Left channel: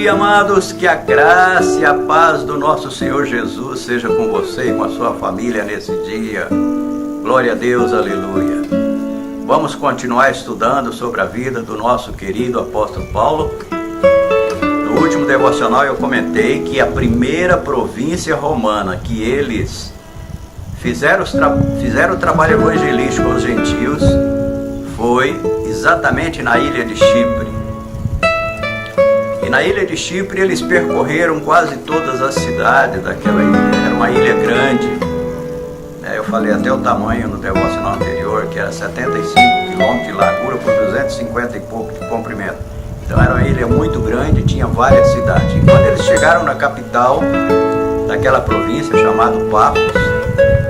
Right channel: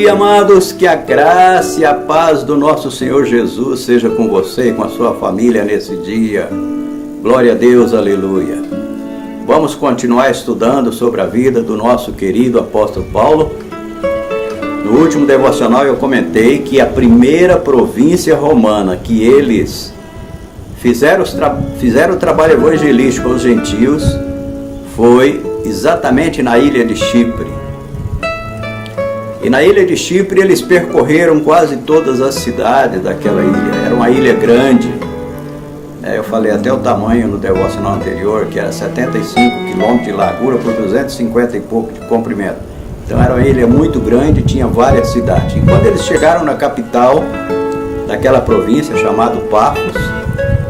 dia, amados, que a graça e a paz do nosso Senhor Jesus seja com você e com a sua família nesse dia. Glória a Deus, aleluia. Vamos continuar estudando sobre a vida do nosso querido apóstolo Paulo. No último devocional eu comentei que a primeira província romana que eles fizeram o trabalho evangelístico aos gentios foi exatamente na ilha de Chipre. E na ilha de Chipre eles percorreram quase todas as cidades daquela ilha. Era uma ilha grande. Eu falei até o tamanho no devocional anterior, que era 75 quilômetros de largura por 250 e pouco de comprimento. Então era uma ilha muito grande, tinha várias cidades. E quando eles chegaram na capital daquela província, chamada Pafos,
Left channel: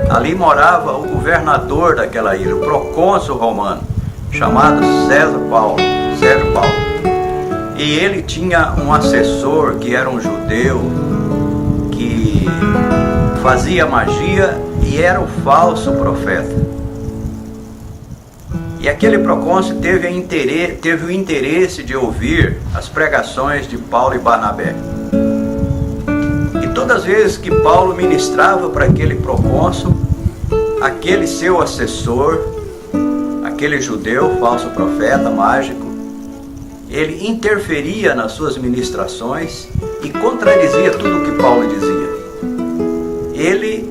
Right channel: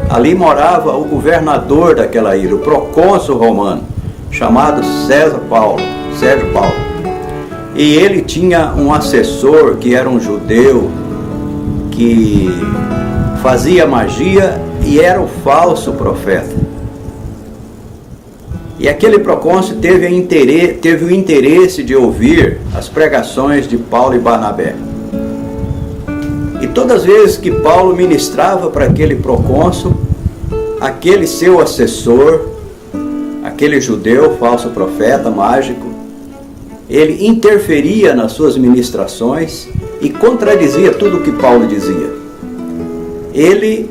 ali morava o governador daquela ilha, o procônsul romano, chamado César Paulo. E ele tinha um assessor que era um judeu que fazia magia e era um falso profeta. E aquele procônsul teve o interesse de ouvir as pregações de Paulo e Barnabé. E todas as vezes que Paulo ministrava para aquele procônsul, aquele seu assessor, aquele judeu, falso profeta, mágico, ele interferia nas suas ministrações e contradizia tudo o que Paulo dizia. Ele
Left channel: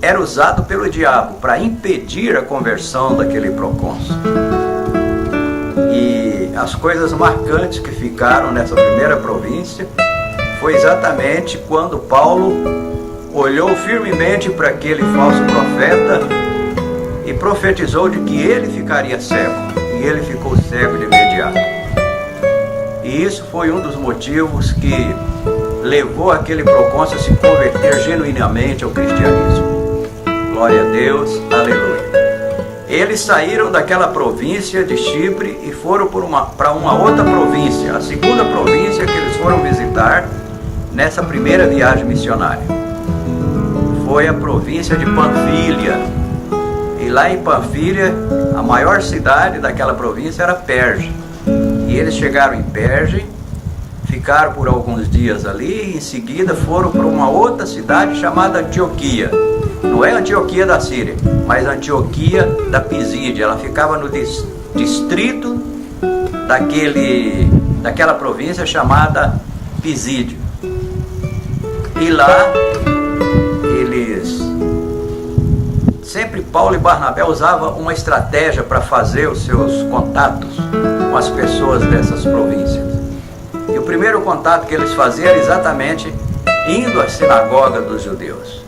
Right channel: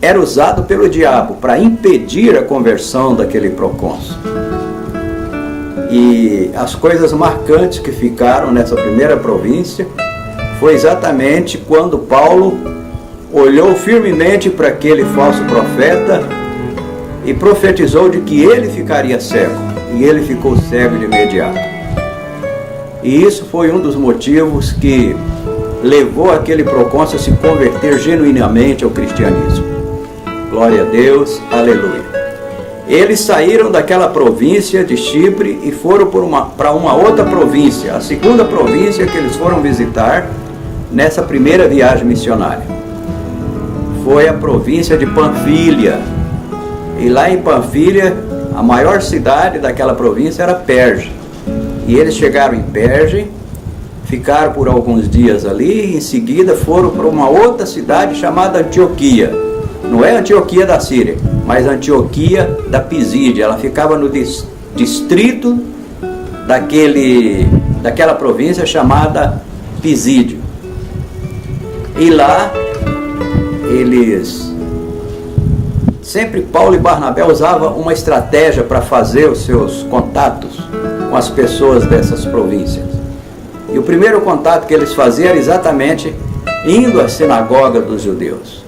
era usado pelo diabo para impedir a conversão daquele procônsul. E as coisas marcantes que ficaram nessa primeira província foi exatamente quando Paulo olhou firmemente para aquele falso profeta e profetizou de que ele ficaria cego. E ele ficou cego de imediato. E isso foi um dos motivos que levou aquele procônsul a se converter genuinamente ao cristianismo. Glória a Deus, aleluia. Eles saíram daquela província de Chipre e foram para uma outra província, a segunda província que eles foram visitar nessa primeira viagem missionária. Foi a província de Panfilha. E lá em Panfilha, a maior cidade daquela província era Perge. E eles chegaram em Perge, ficaram por alguns dias ali e em seguida foram para uma outra cidade chamada Antioquia. Não é Antioquia da Síria, mas Antioquia da Pisídia. Ela ficava no distrito daquela província chamada Pisídio. E lá sempre Paulo e Barnabé usavam uma estratégia para fazer os seus contatos com as pessoas dessas províncias. E o primeiro contato que eles faziam era exatamente indo à sinagoga dos judeus.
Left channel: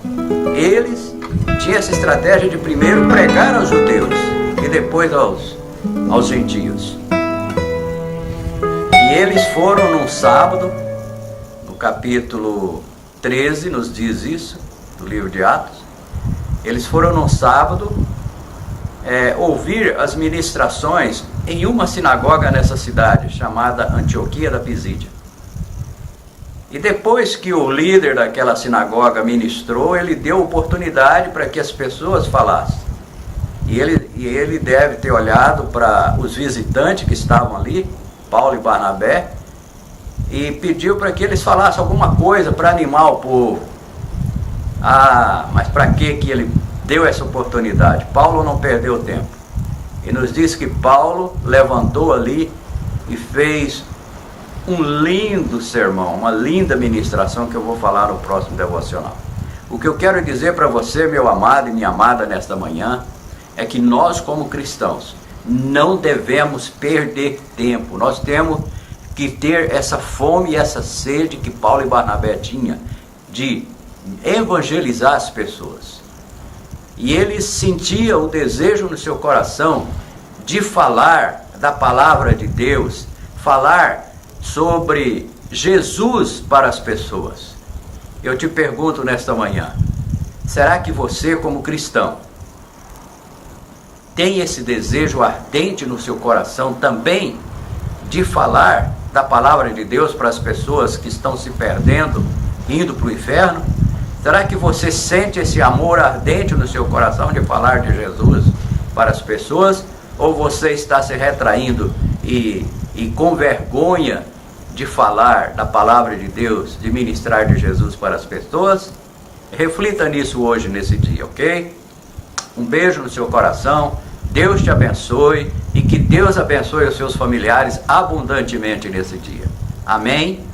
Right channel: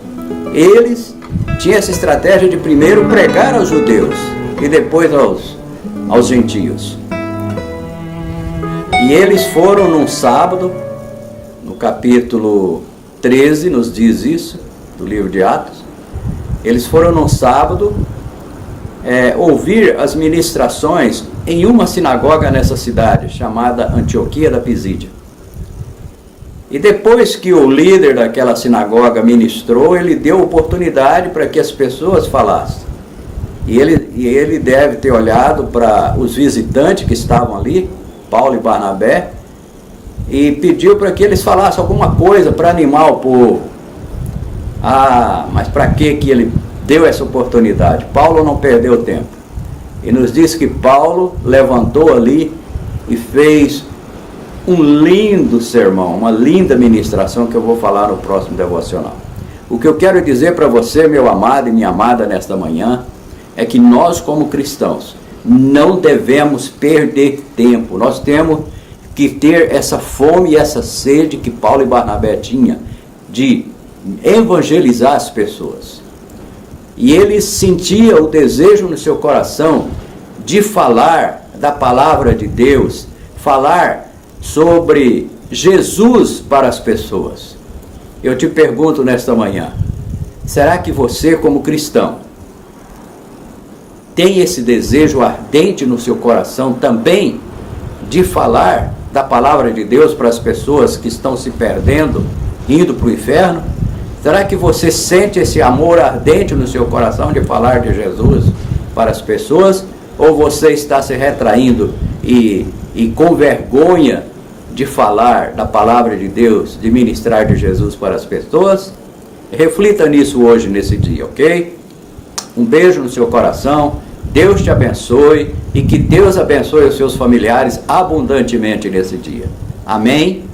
Eles tinham essa estratégia de primeiro pregar aos judeus e depois aos gentios. E eles foram num sábado, no capítulo 13 nos diz isso, do livro de Atos. Eles foram num sábado ouvir as ministrações em uma sinagoga nessa cidade, chamada Antioquia da Pisídia. E depois que o líder daquela sinagoga ministrou, ele deu oportunidade para que as pessoas falassem. E ele deve ter olhado para os visitantes que estavam ali, Paulo e Barnabé, e pediu para que eles falassem alguma coisa para animar o povo. Mas para que ele deu essa oportunidade? Paulo não perdeu tempo. E nos diz que Paulo levantou ali e fez um lindo sermão, uma linda ministração que eu vou falar no próximo devocional. O que eu quero dizer para você, meu amado e minha amada, nesta manhã, é que nós como cristãos não devemos perder tempo. Nós temos que ter essa fome e essa sede que Paulo e Barnabé tinham de evangelizar as pessoas. E ele sentia o desejo no seu coração de falar da palavra de Deus, falar sobre Jesus para as pessoas. Eu te pergunto nesta manhã, será que você como cristão tem esse desejo ardente no seu coração também de falar da palavra de Deus para as pessoas que estão se perdendo, indo para o inferno? Será que você sente esse amor ardente no seu coração de falar de Jesus para as pessoas? Ou você está se retraindo e com vergonha de falar da palavra de Deus, de ministrar de Jesus para as pessoas. Reflita nisso hoje, nesse dia, ok? Um beijo no seu coração, Deus te abençoe e que Deus abençoe os seus familiares abundantemente nesse dia. Amém?